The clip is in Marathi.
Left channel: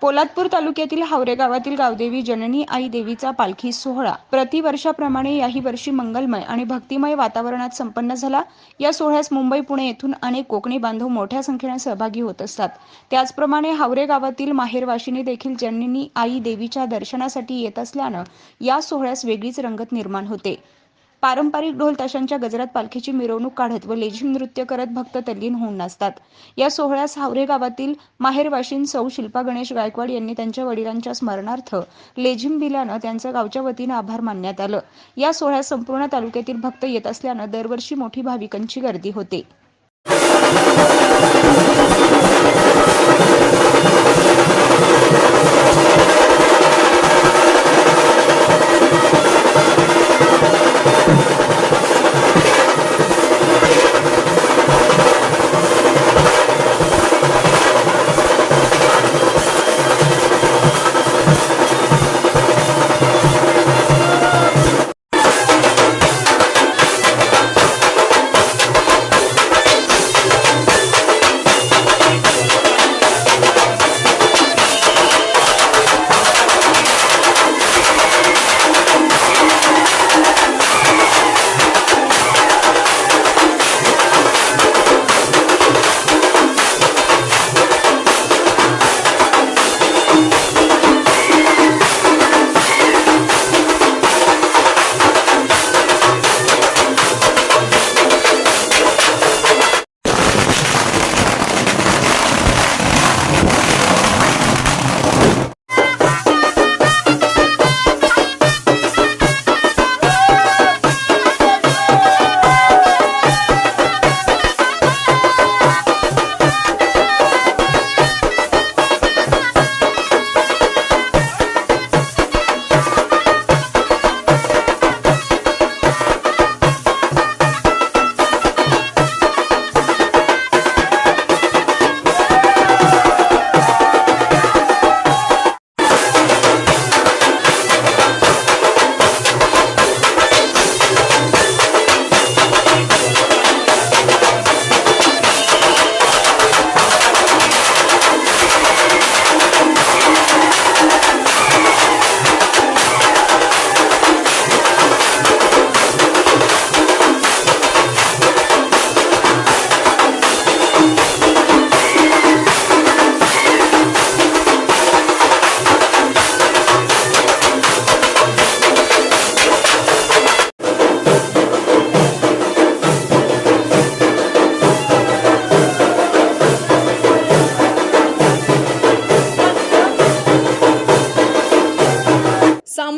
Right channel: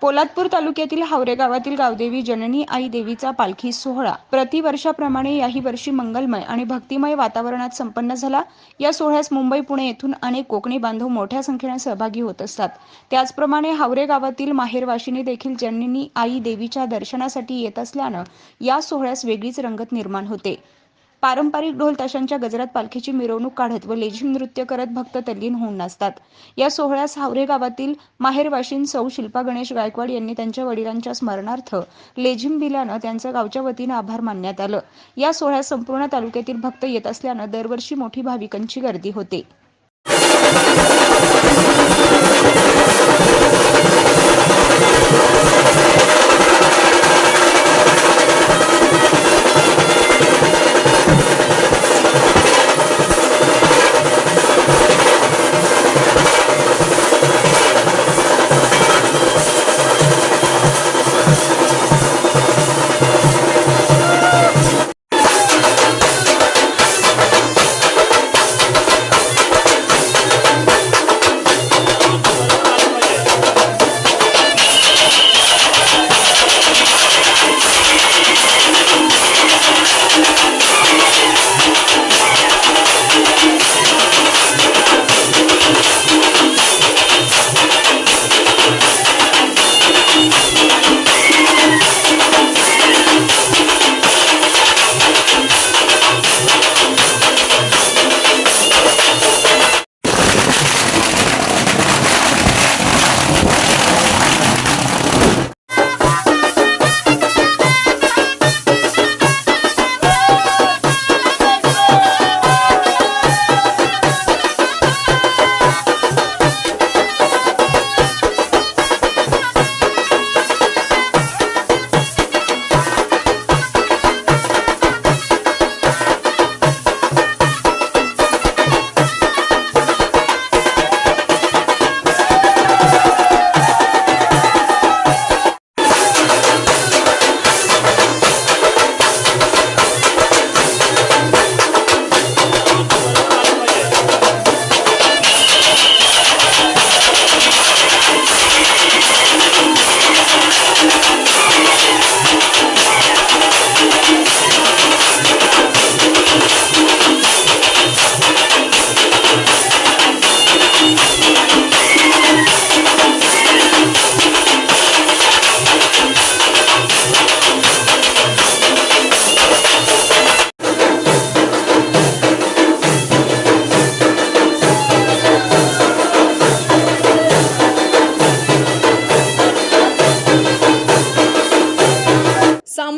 पोलादपूर तालुक्यातील हावरे गावातील गावदेवी जननी आई देवीचा पालखी सोहळा. प्रतिवर्षाप्रमाणे याही वर्षी मंगलमय आणि भक्तिमय वातावरणात संपन्न झाला. या सोहळ्यास मुंबई पुणे येथून अनेक कोकणी बांधव मोठ्या संख्येने सहभागी होत असतात. त्याचप्रमाणे हावरे गावातील माहेरवाशीने देखील जननी आई देवीच्या दर्शनासाठी येत असल्यानं या सोहळ्यास वेगळीच रंगत निर्माण होते. पारंपरिक ढोल ताशांच्या गजरात पालखीची मिरवणूक काढत व लेझिम नृत्य करत भक्त तल्लीन होऊन नाचतात. या सोहळ्यास हावरे गावातील माहेरवाशीन सौ शिल्पा गणेश गायकवाड यांनी त्यांच्या वडिलांच्या स्मरणार्थ लेझिम दिल्यानं त्यांचं गावच्या वतीनं आभार मानण्यात आलं. या सोहळ्यात संपूर्ण तालुक्यातील भक्त येत असल्यानं दरवर्षी मोठी भाविकांची गर्दी होते.